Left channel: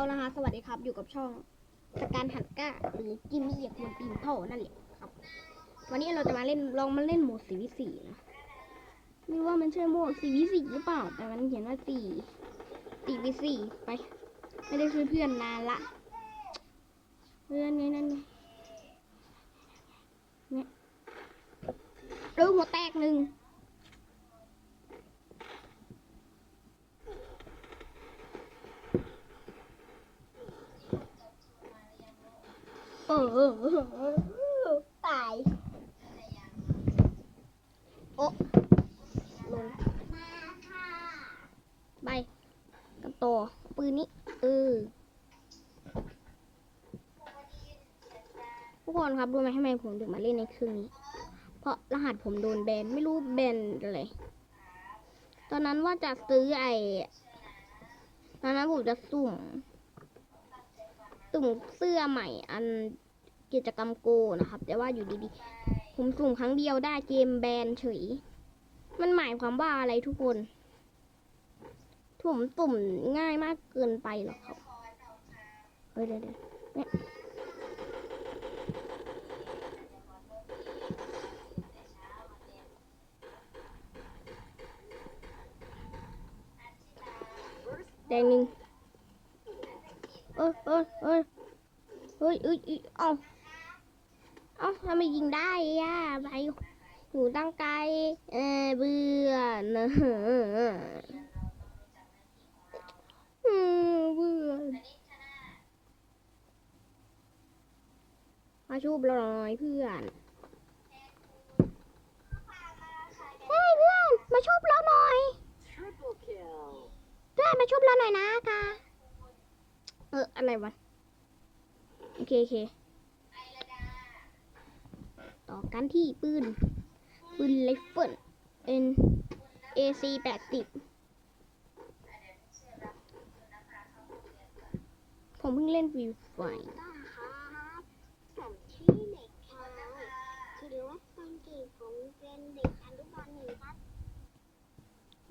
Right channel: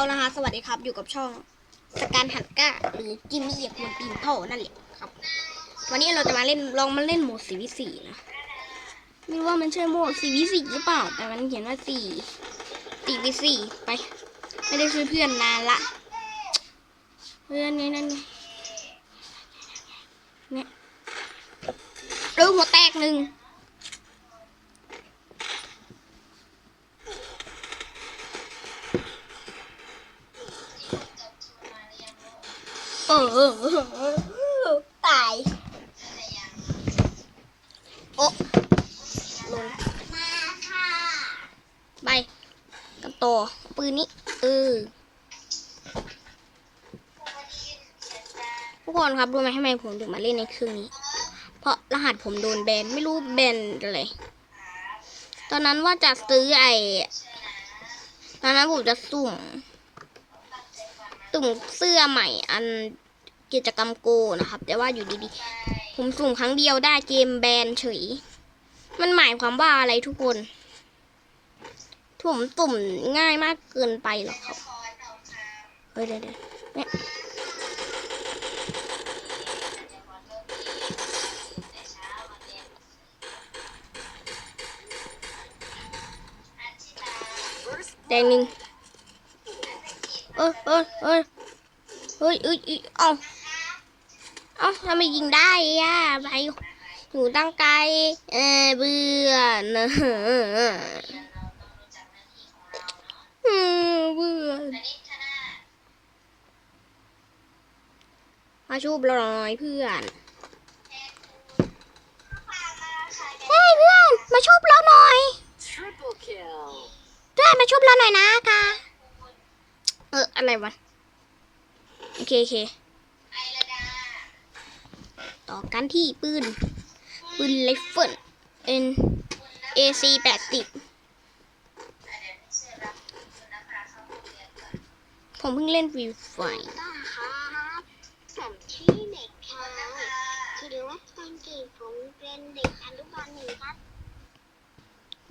เอานะคะสวัสดีครับอยู่กับช่องสการหันก้าหรือจิมมี่เหยียบมันปีนเท่านั่นแหละครับ วันนี้เราจะมาเล่นลองมาเล่นโหมดสีวิสีนะไม่ว่ามันใช่โหมดสีวิสีหรือเปล่า แต่มันเขียนว่าสี่สี่วิสีไป ไม่ได้ช่วยเพื่อนนานละ เพื่อนนี่นั่นไงเนี่ยเออหัวแตกหนึ่ง เออเออเออเออ ตายโอะลงไปกันต่อปืนนี้เออทุกคนครับรู้ไหมทำไมผมถึงมาเล่นในเครื่องนี้ เพราะรหัสผมโดนแบนไม่รู้แบนอะไรตอนนั้นว่าจะซื้อไอ้ตอนนั้นผมจะสุ่ม สุ่มเสื้อใหม่อันกิจกรรมโกนะครับ แต่ว่าอยู่ดีๆ ผมสุ่มครั้งเดียวได้เกมแบนเฉย มันหมายความว่าอะไรทุกคนผมสุ่มง่ายมากเกินไปหรอครับเฮ้ยเดี๋ยวเดี๋ยวเนี่ยแดงหนึ่งเอ้ยเอ้ยเอ้ยเฮ้ยเอ้ยเอ้ยเอ้าเอ้าทำไมยิงได้อะไปอยู่ตั้งไกลเออเบื่อนะอืมเบื่อมาชูบเราหน่อยเพื่อนเฮ้ยเพื่อน มาชุบเราหน่อย Triple kill. เพื่อนมาชุบเราหน่อยนะกา เอออะไรวะ โอเคโอเคต่อกันที่ปืน ปืนไรเฟิล N AC แปดสิบผมเพิ่งเล่นฟรีไฟครับผมชื่อเด็กชายคือว่าตอนเด็กผมเป็นเด็กอนุบาลหนึ่งครับ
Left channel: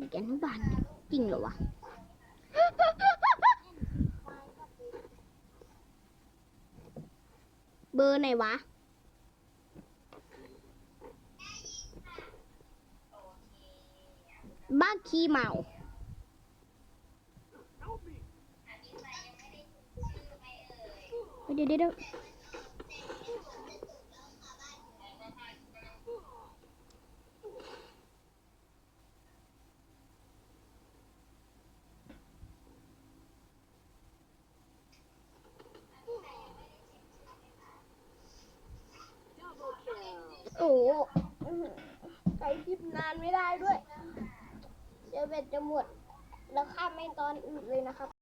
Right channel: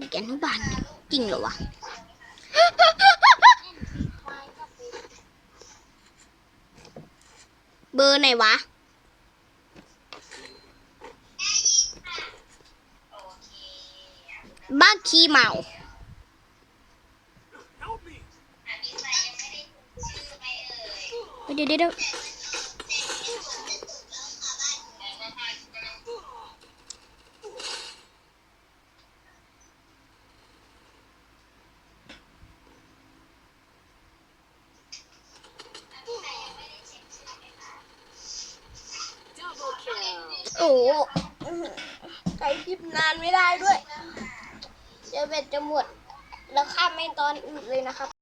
แกอนุบาลจริงเหรอวะ ควายก็เป็น เบอร์ไหนวะ บ้าขี้เมาเดี๋ยวเดี๋ยว โอ้ใช้คลิปนานไม่ได้ด้วยเดี๋ยวเบ็ดจะหมด แล้วข้ามไม่ตอนอื่นเลยนะครับ